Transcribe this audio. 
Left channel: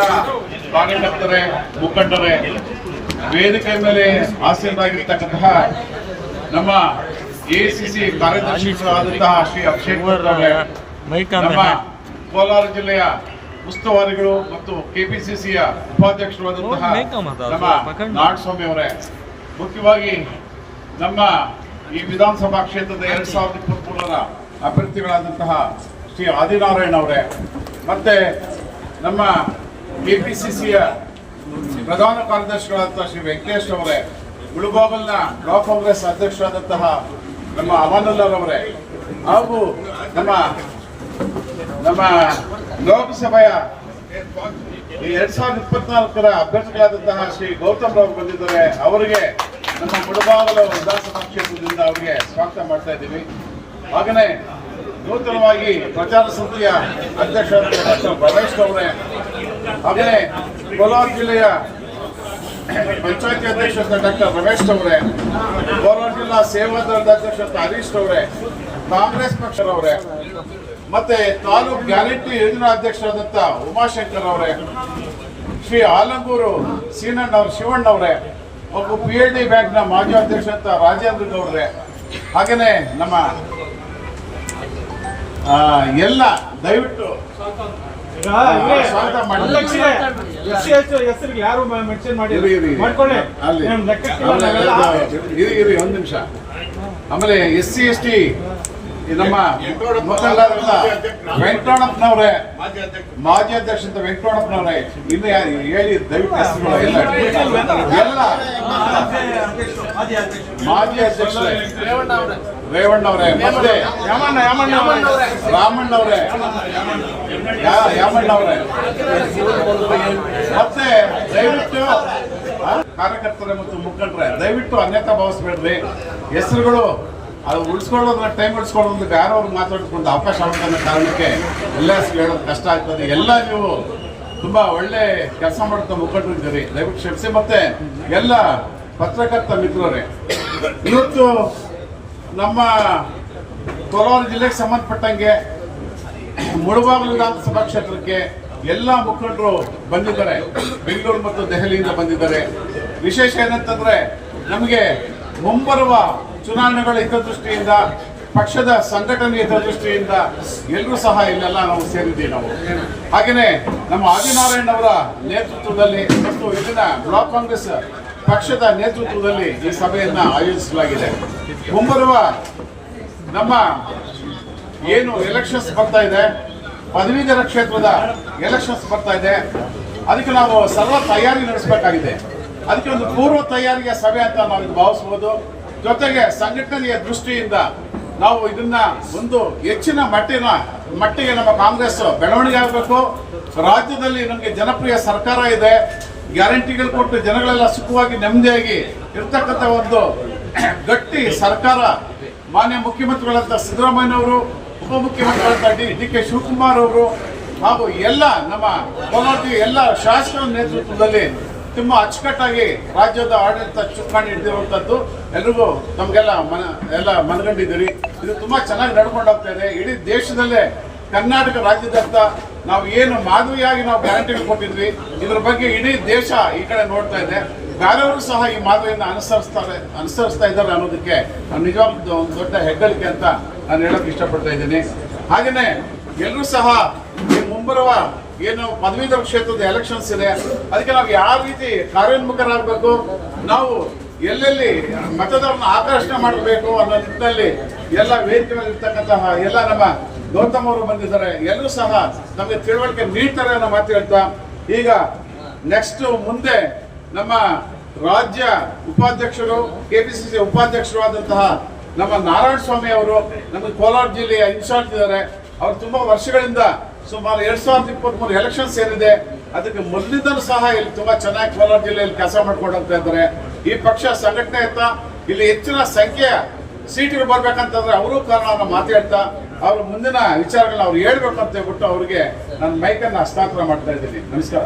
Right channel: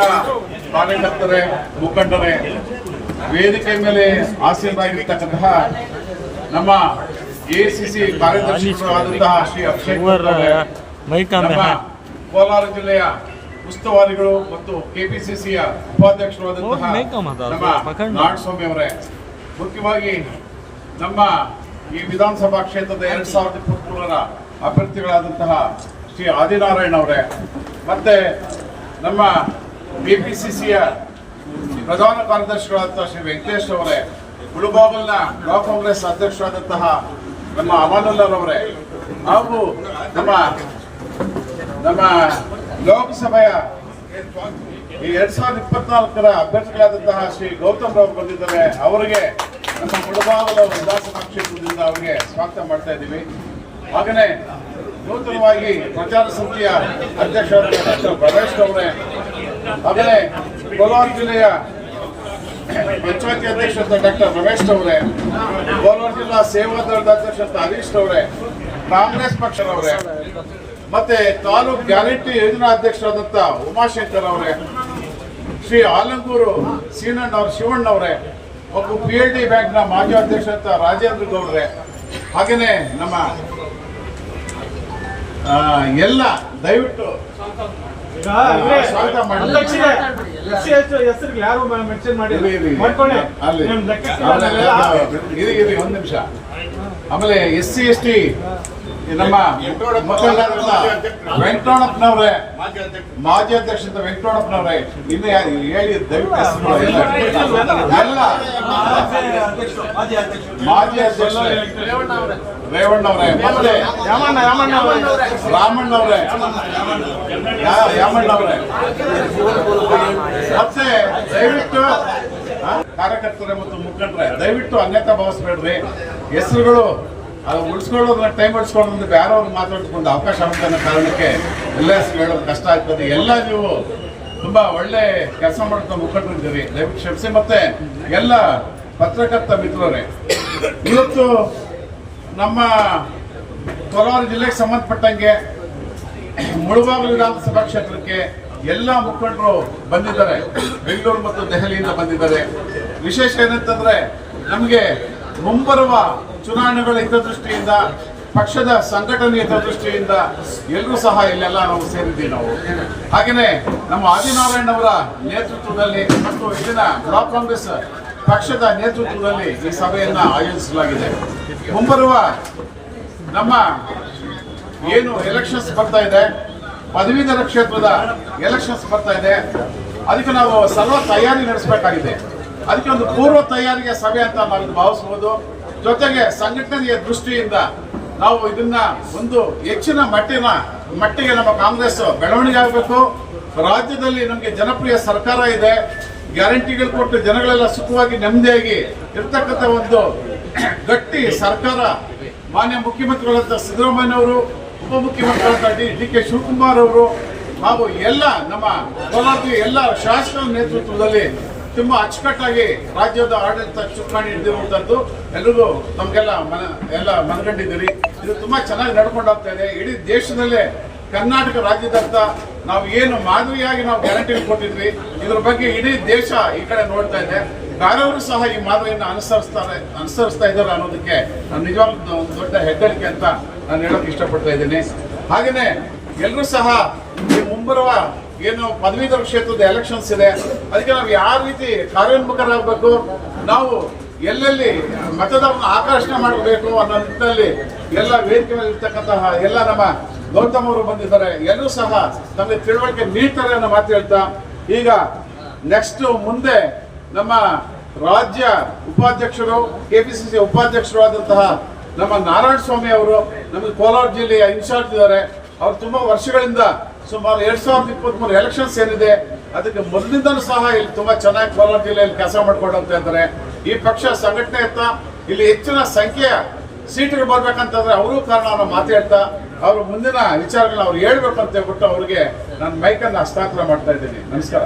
ಎಲ್ಲ ಕಾರ್ಯಕರ್ತರೇ ಮುಖಂಡರೇ ವೇದಿಕೆ ಮೇಲೆ ಆಸೀನರಾಗಿರ್ತಕ್ಕಂತಹ ನಮ್ಮ ಎಸಿಸಿ ಕಾರ್ಯದರ್ಶಿಗಳಾದಂತಹ ಶ್ರೀ ಅಭಿಷೇಕ್ ನಮ್ಮ ಕೋಲಾರ ಜಿಲ್ಲೆಯ ಉಸ್ತುವಾರಿಗಳು ಮತ್ತು ಕೆಪಿಸಿಸಿಯ ಉಪಾಧ್ಯಕ್ಷರಾದಂತಹ ನಮ್ಮ ನಾಡಸ್ವಾಮಿ ಅವರೇ ಮುಖ್ಯವಾಗಿ ನಮ್ಮ ಈ ವಿಧಾನಸಭಾ ಕ್ಷೇತ್ರದ ಎರಡ್ ಸಾವಿರದ ಇಪ್ಪತ್ಮೂರರ ಅಭ್ಯರ್ಥಿಗಳಾದಂತಹ ಶ್ರೀ ಆದಿನಾರಾಯಣ ಅವರೇ ಮತ್ತೆ ನಮ್ಮ ಕೆಪಿಸಿಸಿಯ ಪ್ರಧಾನ ಕಾರ್ಯದರ್ಶಿಗಳಾದಂತಹ ಶ್ರೀ ವೆಂಕಟೇಶ್ ಅವರೇ ಮುಳುಬಾಗಲ್ನ ಬ್ಲಾಕ್ ಕಾಂಗ್ರೆಸ್ ಅಧ್ಯಕ್ಷರಾದಂತಹ ನಮ್ಮ ಅಮಾನುಲ್ಲರವರೇ ಹಾಗೂ ನಮ್ಮ ನಮ್ಮ ಲೋಕಸಭೆಯ ಈ ಎರಡ್ ಸಾವಿರದ ಇಪ್ಪತ್ನಾಲ್ಕರ ಅಭ್ಯರ್ಥಿಗಳಾದಂತಹ ಶ್ರೀ ಗೌತಮ್ ರಾವ್ ಬಂದಿದ್ದಾರೆ. ಅವರಿಗೆ ನಮ್ಮ ಮುಳುಬಾಗಲ ವಿಧಾನಸಭಾ ಕ್ಷೇತ್ರದಿಂದ ಅವರಿಗೆ ಸ್ವಾಗತ ಮಾಡ್ತಾ ಇದ್ದೀವಿ. ಹಾಗೆಯೇ ನೂತನವಾಗಿ ಪ್ರಚಾರ ಸಮಿತಿಯ ಅಧ್ಯಕ್ಷರಾದ ಡಾಕ್ಟರ್ ರಮೇಶ್ ಅವರೇ ಹಾಗೆಯೇ ಕೋಲಾರ ಜಿಲ್ಲೆಯ ಪಂಚಾಯತಿ ಅಧ್ಯಕ್ಷರಾದ ಡಾಕ್ಟರ್ ರಮೇಶ್ ಅವರೇ, ಕೋಲಾರ ಜಿಲ್ಲಾ ಸೇವಾ ದಳದ ಅಧ್ಯಕ್ಷ ಹರೀಶ್ ಅವರೇ, ಕಾಂಗ್ರೆಸ್ ಪಕ್ಷದವರೇ ಮತ್ತೆ ತಾಲೂಕ್ ಗ್ಯಾರಂಟಿ ಯೋಜನಾ ಅಧ್ಯಕ್ಷರಾದಂತ ಉಮಾಶಂಕರ್ ಅವರೇ, ಶ್ರೀ ಆಲಂಗೂರು ಸೀನಣ್ಣ ಅವ್ರ ಶಿವಣ್ಣ ಅವರೇ ಒಬ್ಬ ಪಿ ಎಲ್ ಡಿ ಬ್ಯಾಂಕ್ನ ಮಾಜಿ ಅಧ್ಯಕ್ಷ ರಾಜೇಂದ್ರ ಗೌಡ್ರೆ, ಹಾಗೇನೆ ನಮ್ಮ ಎಲ್ಲ ದಯವಿಟ್ಟು ಹೆಸರಿಗೆ ಯಾರು ಮೆನ್ಷನ್ ಮಾಡಿ? ಇರಿ, ಒಂದ್ ನಿಮಿಷ. ಆಮೇಲೆ ಎಸ್ ಸಿ ಎಸ್ ಟಿ ನಮ್ಮ ಮುಖಂಡರಾದಂತ ವೆಂಕಟರಮಣಪ್ಪನವ್ರೆ ಮಾಜಿ ಅಧ್ಯಕ್ಷ ಅಂತ ವೆಂಕಟರಮಣಪ್ಪನವ್ರೆ ಇನ್ನು ಯಾರು ಹೇಳಿ ದಯವಿಟ್ಟು ಎಲ್ಲ. ಮಾಜಿ ಅಧ್ಯಕ್ಷ ರೇವಣ್ಣವ್ರೆ ಮತ್ತೆ ರಾಮಣ್ಣವ್ರೆ. ಯಾಮಣ್ಣವ್ರೆ. ಮತ್ತೆ ದಯವಿಟ್ಟು ಕಾರ್ಯಕರ್ತರೆ ಮತ್ತು ಮುಖಂಡ್ರೆ, ದಯವಿಟ್ಟು ಅನ್ಯತಾ ಭಾವಿಸ್ಬೇಡ್ರಿ. ಹೆಸರುಗಳು, ಅದು ಉಳಿಸ್ಕೊಳ್ಳೋದ್ರ ಟೈಮ್ ಉಳಿಸ್ಕೊಳ್ಳೋದ್ರ ಬೇರೆ ಅವ್ರಿಗೆ ಮಾತಾಡ್ಕೊಂಡು ಅವಕಾಶ ಆಗುತ್ತೆ ಕಾರಣಕ್ಕೆ ಎಲ್ಲ ಹೇಳೋದು ಕಷ್ಟ ಆಗ್ತದೆ. ಎಲ್ಲ ನೀವು ತುಂಬ ಒಳ್ಳೆ ಕೆಲಸ ಮಾಡ್ತಾ ಮುಖಂಡರಿದ್ದೀರಿ. ದಯವಿಟ್ಟು ಕ್ಷಮಿಸಿ. ಮತ್ತೆ ಎಲ್ಲ ಪತ್ರಕರ್ತ ಮಿತ್ರರೇ, ಇವತ್ತು ನಮ್ಮ ಕೋಲಾರ ಜಿಲ್ಲೆಗೆ ಸಂಬಂಧಪಟ್ಟಂಗೆ ಮುಳಬಾಗಿಲು ವಿಧಾನಸಭಾ ಕ್ಷೇತ್ರಕ್ಕೆ ಎಲ್ಲ ಮುಖಂಡರು ಬಂದಿದ್ದಾರೆ. ಬೆಂಗಳೂರು ಮತ್ತು ದೆಹಲಿಯಿಂದ ಬಂದಿದ್ದಾರೆ. ವಿಶೇಷ ಏನಂತಂದ್ರೆ ನಮಗೆ ಮುಂಬರುವ ಚುನಾವಣೆಗಳ ಹಿತದೃಷ್ಟಿಯಿಂದ ಪಕ್ಷದ ಸಂಘಟನೆಯ ದೃಷ್ಟಿಯಿಂದ ಎಲ್ಲರೂ ಸಹ ಇಲ್ಲೆಲ್ಲ ನಾವು ಸೇರಿದ್ದೀವಿ ನಾವು. ಹಾಗೆಯೇ ನಮ್ಮ ಆದಿನಾರಾಯಣ್ ಅವರ ನೇತೃತ್ವದಲ್ಲಿ ಮತ್ತು ಇಲ್ಲಿನ ಬ್ಲಾಕ್ ಕಾಂಗ್ರೆಸ್ ಪಕ್ಷದ ನೇತೃತ್ವದಲ್ಲಿ ಈ ಸಭೆಯನ್ನ ಆಯೋಜಿಸಲಾಗಿದೆ. ಮುಂಬರುವ ನಮ್ಮ ಏನು ಎಲೆಕ್ಷನ್ಸ್ ಬರ್ತಾ ಇದೆ, ಪದವೀಧರ ಕ್ಷೇತ್ರದ ಎಲೆಕ್ಷನ್ಸ್ ಬರ್ತಾ ಇದೆ. ಅದಕ್ಕೆ ನಾವು ಸರ್ವ ತಯಾರಿ ನಡೆಸಬೇಕಾಗಿದೆ. ಅದಕ್ಕೆ ಒಂದು ಪೂರ್ವ ತಯಾರಿಯ ಸಭೆ ಅಂತ ನಾವು ಭಾವಿಸ್ಬೋದು ಜೊತೆಗೆ ಸಂಘಟನೆಯ ದೃಷ್ಟಿಯಿಂದ ನಾವು ಇದನ್ನ ಒಂದು ಹೆಚ್ಚಿನ ಮಟ್ಟಿನ ಮಟ್ಟಿಗೆ ನಮ್ಮ ಕಾಂಗ್ರೆಸ್ ಬೆಳವಣಿಗೆ ಆಗಬೇಕು. ರಾಜ್ಯದಲ್ಲಿ ನಮಗೆ ಜನಪ್ರಿಯ ಸರ್ಕಾರ ಇದೆ. ಗ್ಯಾರಂಟಿಗಳು ಕೊಟ್ಟು ಜನಗಳೆಲ್ಲ ಸುಖವಾಗಿ ನೆಮ್ಮದಿಯಾಗಿ ಇರ್ತಕ್ಕಂಥ ಒಂದು ಗಟ್ಟಿ ಸರ್ಕಾರ ಮಾನ್ಯ ಮುಖ್ಯಮಂತ್ರಿಗಳಂತ ಸಿದ್ದರಾಮಯ್ಯ ಅವರು ಉಪಮುಖ್ಯಮಂತ್ರಿಗಳಂತ ಡಿ ಡಿ ಕೆ ಶಿವಕುಮಾರ್ ಅವರು, ಹಾಗೂ ಎಲ್ಲ ನಮ್ಮ ಕೋಲಾರದ ಎಲ್ಲ ಶಾಸಕರ ನೇತೃತ್ವದಲ್ಲಿ ತುಂಬಾ ಅಚ್ಚುಕಟ್ಟಾಗಿ ರಾಜ್ಯದ ಆಡಳಿತ ಚುಕ್ಕಾಣಿ ಹಿಡಿದಿರುವಂತದ್ದು. ಎಲ್ರಿಗೂ ನಮಗೆಲ್ಲ ಮನ, ಎಲ್ಲ ಮನಗಂಡಿದ್ದೀರಿ. ಇದು ತುಂಬಾ ಚೆನ್ನಾಗಿ ನಡ್ಕೊಂಡು ಹೋಗ್ತಾ ಇದೆ. ಇಡೀ ದೇಶದಲ್ಲೇ ಕರ್ನಾಟಕ ರಾಜ್ಯದಂತ ನಾವು ಏನು ಮಾದರಿಯಾಗಿ ನಾವು ಗ್ಯಾರಂಟಿ ಕೊಟ್ಟಿದ್ವಿ. ಇದ್ರ ಬಗ್ಗೆ ಇಡೀ ದೇಶ ಈ ಕಡೆ ನೋಡ್ತಾ ಇದೆ. ಬೇರೆಯವರು ಸಹ ಈ ಮಾದರಿಯನ್ನು ಅನುಸರಿಸ್ತಾರೆ, ಅನುಸರಿಸ್ತಾ ಇದ್ದಾರೆ ಅನ್ನೋದಕ್ಕೆ ನಾನು ನಿಜವಾಗ್ಲೂ ಒಂದು ದೊಡ್ಡ ಹೆಗ್ಗಳಿಕೆ ಅಂತ ನಾನು ಹೇಳಕ್ ಇಷ್ಟಪಡ್ತಾ ಇದ್ದೀನಿ. ಹಾಗೇನೆ ಎಲ್ಲರೂ ಸಹ ಮುಂಬರುವ ಏನು ಪದವೀಧರ ಕ್ಷೇತ್ರದ ಎಲೆಕ್ಷನ್ಸ್ ಇದೆ, ಅದಕ್ಕೆ ನಾವು ಯಾವ ರೀತಿ ಕಾರ್ಯೋನ್ಮುಖರಾಗಬೇಕು, ನಾವು ಎಲ್ಲೆಲ್ಲಿ ಮತದಾರನ ಆಕರ್ಷಣೆ ಮಾಡಬೇಕು ಅನ್ನೋ ನಿಟ್ಟಿನಲ್ಲಿ ಎಲ್ಲ ವೇದಿಕೆ ಇರ್ತಕ್ಕಂತಹ ಎಲ್ಲ ನಮ್ಮ ಗೌತಮ್ ಅವರು ಬಂದಿದ್ದಾರೆ, ಎಲ್ಲರೂ ಸಹ ನಮಗೆ ತಿಳುವಳಿಕೆ ನೀಡ್ತಾರೆ ಅನ್ನೋ ಮಾತು ಹೇಳ್ತಾ, ಈಗ ನೆಕ್ಸ್ಟ್ ಮುಂದೆ ನಮ್ಮ ರಾಜ್ಯ ಉಪಾಧ್ಯಕ್ಷರು, ಕೆಪಿಸಿಸಿ ಉಪಾಧ್ಯಕ್ಷರು ಆದಂತಹ ನಮ್ಮ ನಾರಾಯಣ ಸ್ವಾಮಿ ಅವರು ನಮ್ಮ ಕೋಲಾರ ಜಿಲ್ಲೆಯ ಇನ್ಚಾರ್ಜ್ ಇದ್ದಾರೆ, ಅವರು ತುಂಬಾ ವರ್ಷಗಳಿಂದ ಸುಮಾರು ಎರಡ್ ಸಾವಿರದ ಇಪ್ಪತ್ತ್ ಮೂರು ಎಲೆಕ್ಷನ್ಸ್ ಏನಿದೆ, ಅದಕ್ಕೆ ಮೊದಲಿಂದಲೂ ಸಹ ಇಲ್ಲಿ ತುಂಬಾ ಚೆನ್ನಾಗಿ ಕೋಲಾರ ಜಿಲ್ಲೆಯಲ್ಲಿ ಕೆಲಸ ಮಾಡ್ಕೊಂಡು ಹೋಗ್ತಾ ಇದ್ದಾರೆ ಈ ಪಕ್ಷ ಸಂಘಟನೆ ಇರ್ತಾ ಇಲ್ಲಿ ಹೆಚ್ಚಿನ ಸಂಖ್ಯೆಯ ಸೀಟ್ಗಳು ಬರ್ಬೇಕಂತಂದ್ರೆ ಅವರು ಕಾರಣ ಮಾತಾಡ್ತಾ, ಅವ್ರ ಮುಂದಿನ ವಿಚಾರಗಳನ್ನ ಅವ್ರು ಹೇಳ್ಬೇಕು ಅಂತ ಹೇಳ್ಬಿಟ್ಟು ಅವ್ರಿಗೆ ನಾನು ಮೈಕನ್ನ ಹಸ್ತಾಂತರ ಮಾಡ್ತಾ ಇದ್ದೀನಿ. ನಮಸ್ಕಾರ.